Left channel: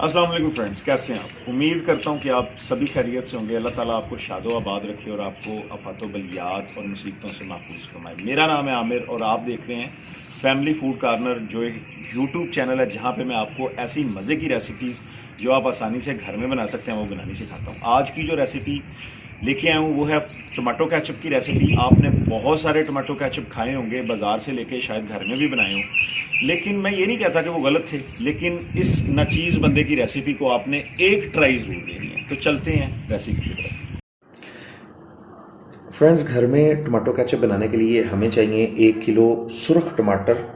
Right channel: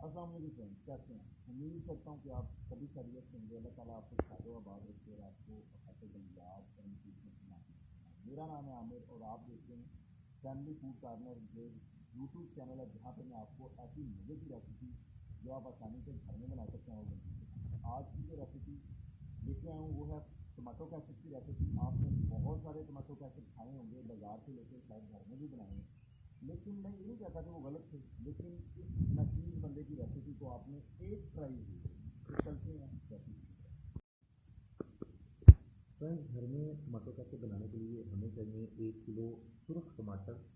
अस्सलाम वालेकुम फ्रेंड्स, कैसे हैं आप? उम्मीद करता हूं कि आप सभी खैरियत से होंगे। अल्लाह ताला आपको शादो आबाद रखे और आपको आफातो बलियात और मुसीबतों से महफूज फरमाए। मेरा नाम है आमिर और आप देख रहे हैं फैमिली फूड कॉर्नर, जो एक यूट्यूब चैनल है जहां पे मैं आपको ऐसी मज़े की रेसिपीज़ जो आप आसानी से घर में बना सकते हैं वो बनानी सिखाता हूँ। आज की जो रेसिपी लेके आया हूँ वो है टमाटो केचप की रेसिपी। आपने बहुत सारे टमाटो केचप खाए होंगे, बाज़ार से लेके शायद घर में भी बनाए हों, लेकिन मैं ये नहीं कहता कि वो गलत थे। लेकिन इस नाचीज़ बंदे की रेसिपी को आपने एक ट्राई ज़रूर देनी है। तो चलते हैं रेसिपी की तरफ। फ्रेंड्स, घर में टमाटो केचप बनाने के लिए हमें चाहिए 1 किलो सुरख टमाटर,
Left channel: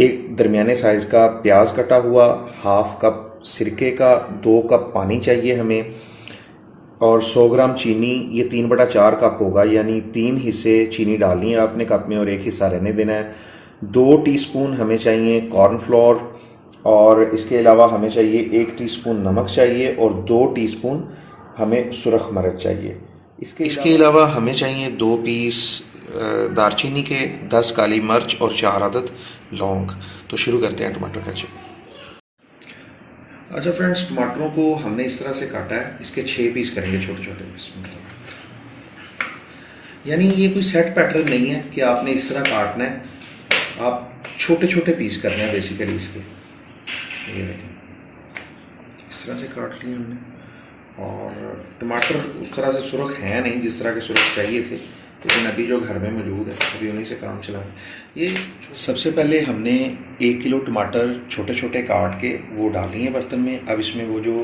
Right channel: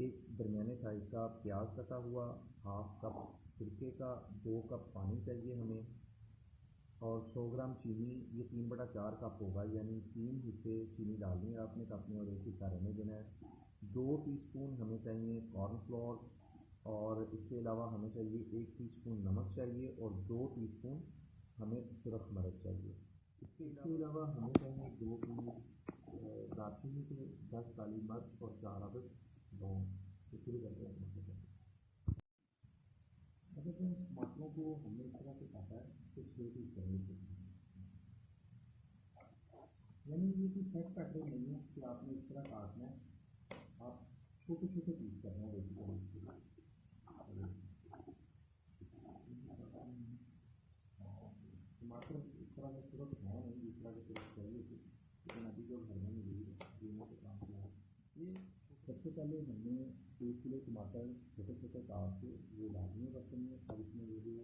एक दरमियाने साइज़ का प्याज कटा हुआ, हाफ कप सिरके का, 2 कप पानी चाहिए हमें, और 100 ग्राम चीनी। ये 3/4 कप होगा, यानी 3 हिस्से चीनी डालनी है आपने कप में और 1 हिस्सा रहने देना है। 2 टीस्पून हमें चाहिए कॉर्नफ्लोर, और इसके अलावा हमें चाहिए 1 टीस्पून नमक चाहिए और 2 टीस्पून हमें सुरख मिर्च चाहिए। इसके अलावा हमें चाहिए 2 पीस दारचीनी के, 10 काली मिर्च और 4 अदद लौंग। तो शुरू करते हैं टमाटो केचप। अच्छा फ्रेंड्स, टमाटरों को हमने इस तरह से काटा है, इसके 6 पीस करेंगे छोटे छोटे पीस में। यानी ये कोई सेट पैटर्न नहीं है कि आपने इस तरह काटना है, आप छोटे छोटे पीस करने हैं बेसिकली इसके। ये देखें, इस तरह से काट लिए हमने। और टमाटर उस तरह से सुरख है नहीं जिस तरह के सुरख चाहिए थे, लेकिन अभी जो घर में मौजूद है अभी उन्हीं से काम चला। ये सबसे पहले हमने 1 किलो टमाटर छोटे छोटे काट के वो डाली हैं बर्तन में। अब इसमें वो जो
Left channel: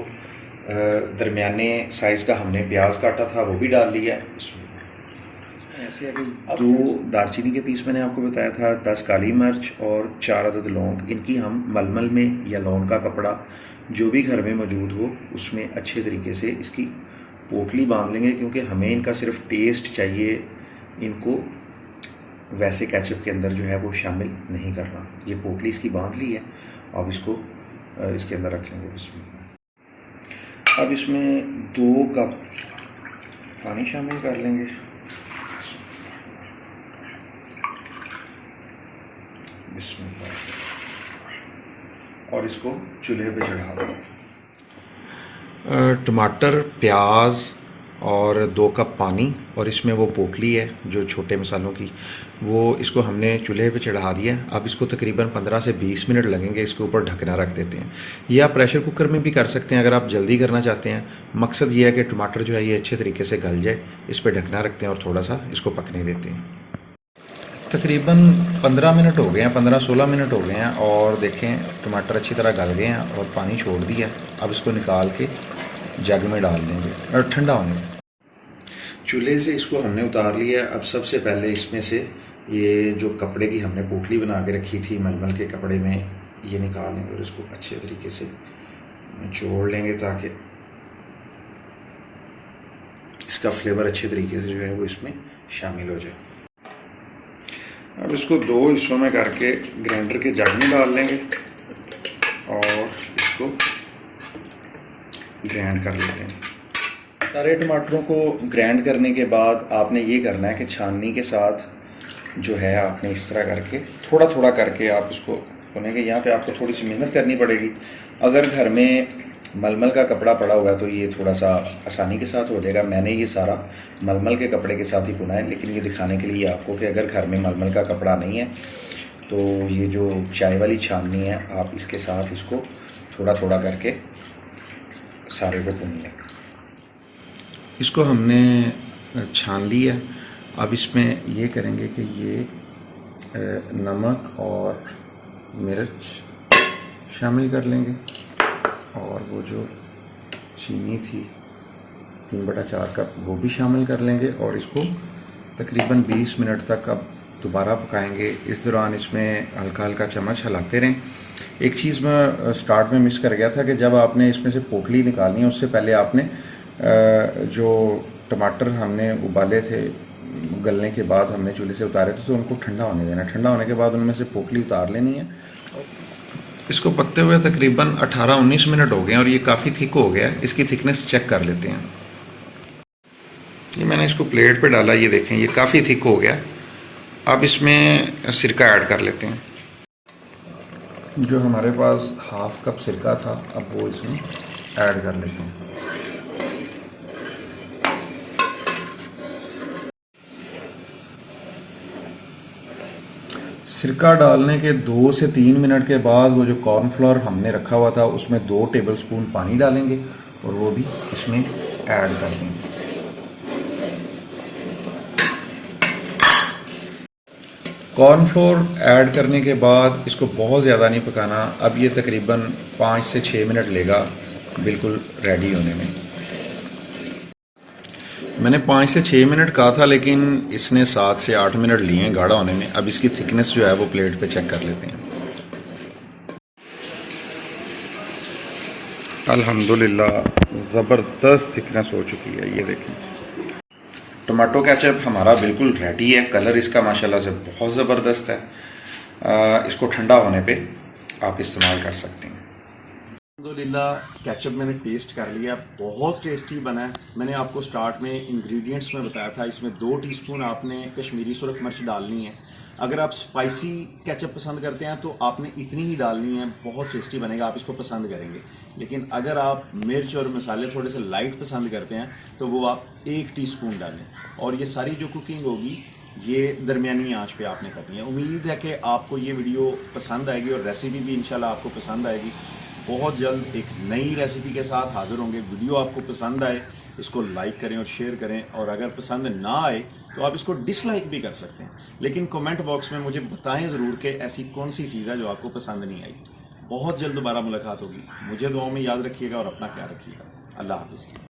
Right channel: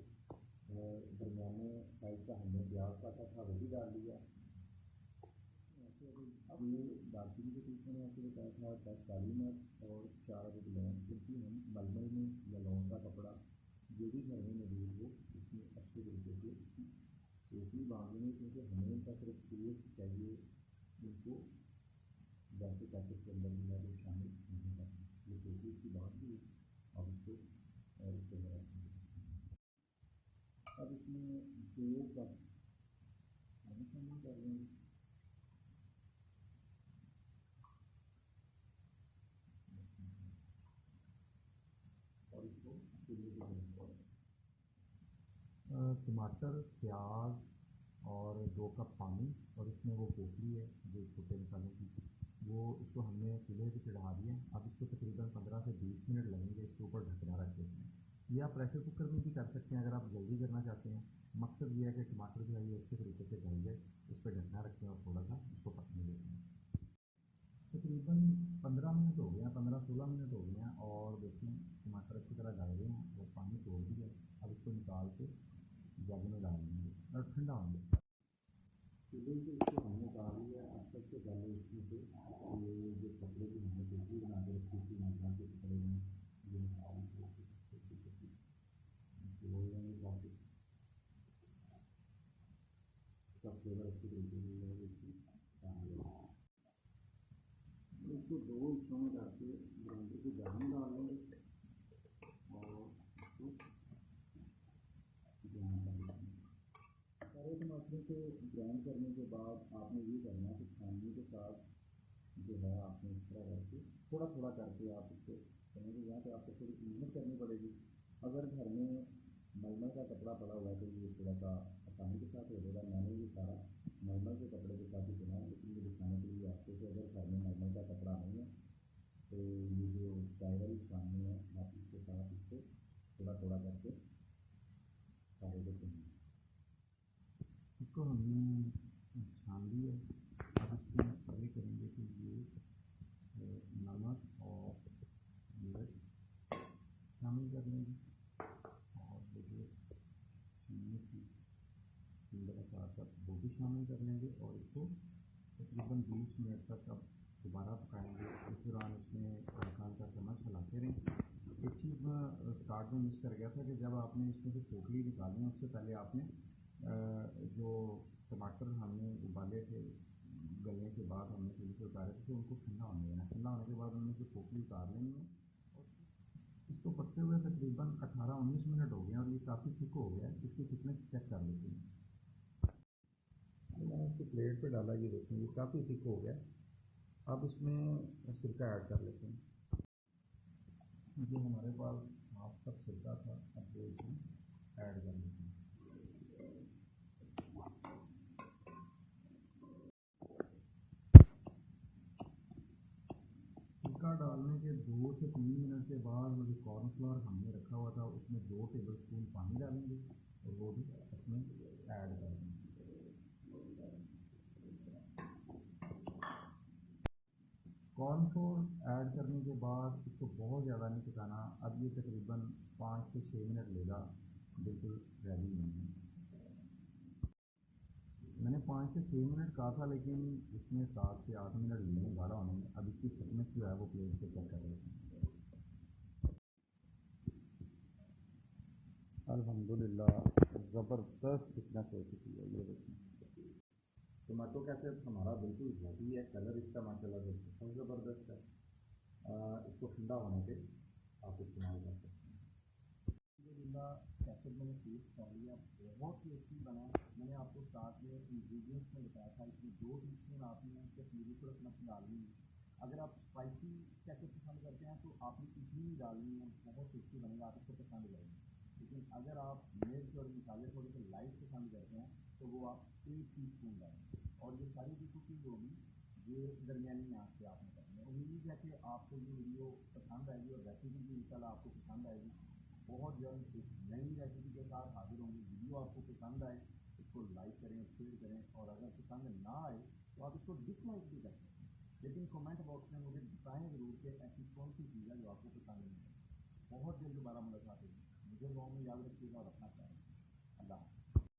दरमियाने साइज़ का हमने प्याज काटा था वो भी डाल लिया है इसमें। ऐसे अभी 2 दालचीनी के पीस मैंने आपको बताया था, 10 काली मिर्च और 4 अदद लौंग। इनकी हम मलमल में या लौंग का कपड़ा जो भी घर में मौजूद हो उसमें अच्छे तरीके से इसकी पोटली बांध लेंगे, क्योंकि हमें इनका सिर्फ टेस्ट चाहिए, इनको वैसे केचप के अंदर जो है वो शामिल नहीं करना। ये पोटली इसकी बांध ली है, अब इसको इसके अंदर रख लेंगे इसमें। अब इसमें 2 कप पानी शामिल कर लेंगे। और इसको चूल्हे पे चढ़ा दें। टमाटर, प्याज और 2 कप पानी और इसमें वो पोटली है जो छोटे मसालों की, वो इसको हमने चूल्हे पे चढ़ा दिया। अब इसको तकरीबन 15 से 20 मिनट लगेंगे, इसके ऊपर ढकना रख देते हैं। या आप प्रेशर कुकर में भी कर सकते हैं अगर आप जल्दी करना चाहते हैं। मकसद ये है कि टमाटर जो है ये अच्छे तरीके से गल जाए। इस पर ढकना रखते हैं और थोड़ा सा इसको पकने देते हैं। तकरीबन 15 मिनट हो गए हैं, 15-16 मिनट हो गए हैं, और देखें टमाटर अच्छी तरह गल गए हैं और पानी छोड़ दिया। अब इसको निकाल के जग में डाल देंगे और ठंडा होने दें। चूल्हे से इसको हमने उतार लिया। अब सबसे पहले इसमें से ये जो कपड़े की हमने पोटली बना के रखी थी मलमल के कपड़े में, ये निकाल लेंगे और इसको अच्छे तरीके से निचोड़ लेंगे ताकि इसका फ्लेवर अच्छे तरीके से जो है वो इसमें शामिल हो जाए। अब इसको 2 हिस्सों में करके ग्राइंडर के जग में डाल लेंगे और इसको ग्राइंड कर लेते हैं। सारे टमाटरों को ग्राइंड करने के बाद आपने ये करना है कि छाननी के साथ जो है आपने इस तरह करके थोड़ा थोड़ा करके आप इसको भुनेंगे। यहाँ पे आपको थोड़ी सी मेहनत करनी पड़ेगी। अगर घर में मलमल का कपड़ा पड़ा हुआ है तो ये थोड़ा सा आसानी के साथ हो जाएगा। मैंने ये सारा मलमल के कपड़े के साथ ही बुना है, लेकिन ये दिखाने के लिए आपको कि अगर घर में मलमल का कपड़ा नहीं है तो ये जो चाय वाली छाननी है आप इसके साथ इसको थोड़ा थोड़ा करके सारे को भून लें। इसको हमने छान लिया। अब इसमें ये करेंगे कि ये नमक और मिर्च शामिल कर लेंगे और वो जो चीनी थी 3/4 कप वो भी शामिल कर लेंगे और इसको तकरीबन 20 मिनट तक अब दोबारा पकाएंगे। इस दौरान इसमें हल्का हल्का चम्मच हिलाते रहें। एक चीज़ मैं स्टार्ट में मिस कर गया था कि जब आपने इसमें से पोटली निकालनी है उससे पहले आपने जो टमाटर हमने उबाले थे गलने के बाद हमने चूल्हे से उतारे थे तो उनको ठंडा होने देना। ठंडा होने के बाद उनमें से पोटली उतार लेनी है। इसको पकते हुए तकरीबन 18-19 मिनट हो गए और ये काफ़ी थिक हो गया है। इसकी थिकनेस चेक कर लेते हैं। ये मैंने इसको प्लेट पे डाला, ये देखें ये काफ़ी थिक हो गया। अब इसमें सिरका ऐड कर लेते हैं। जो हमारे पास हाफ कप सिरका था अब वो इसमें ऐड कर लेते हैं। सिरका डालने के 2 से 3 मिनट के बाद वो जो कॉर्नफ्लोर हमने रखा हुआ था उसमें 2 टेबलस्पून पानी डालेंगे और वो भी इसमें ऐड कर देंगे। कॉर्नफ्लोर ऐड करने के बाद इसको बहुत ज़्यादा नहीं पकाना। अब ये तकरीबन 5 से 6 मिनट लेगा बिल्कुल रेडी होने में। मैंने 5 से 6 मिनट कहा था लेकिन इसने 7 से 8 मिनट लिए हैं गाढ़ा होने में। अब इसकी थिकनेस जो है वो प्लेट पे चेक कर लेते हैं। अल्हम्दुलिल्लाह ज़बरदस्त थिकनेस हो चुकी है। ये देखें, टमाटो केचप हमारा बिल्कुल रेडी है। कलर इसका माशाल्लाह से बहुत ज़बरदस्त है। इसको ठंडा होने पे आप इस्तेमाल कर सकते हैं। अल्हम्दुलिल्लाह केचप मैंने टेस्ट कर लिया, बहुत टेस्टी बना है। मैंने आपको स्टार्ट में इंग्रेडिएंट्स में बताया था, इसमें 2 टीस्पून आपने कश्मीरी सुरख मिर्च डालनी है। अगर आप स्पाइसी केचप पसंद करते हैं तो आपने इतनी ही डालनी है, बहुत टेस्टी बनेगा, आप इसको पसंद करेंगे। लेकिन अगर आप मिर्च और मसाले थोड़े से लाइट पसंद करते हैं तो वो आप 1 टीस्पून डालें। और ये सारी जो कुकिंग होगी ये दरमियानी आंच पे आपने करनी है। उम्मीद है कि आपको ये वीडियो पसंद आएगी और रेसिपी भी इंशाल्लाह आपको पसंद आएगी। बहुत जल्द एक नई रेसिपी के साथ हाजिर होंगे। वीडियो आपको पसंद आए इसको लाइक करें और शेयर करें, और अगर पसंद ना आए तो आप इसको डिसलाइक भी कर सकते हैं। लेकिन कमेंट बॉक्स में मुझे बताएं ज़रूर कि ऐसी कौन सी चीज़ है जो आपको पसंद नहीं आई। बहुत जल्द दोबारा मुलाकात होगी। मुझे दुआओं में याद रखिएगा और अपना ख्याल रखिएगा। अल्लाह हाफिज़।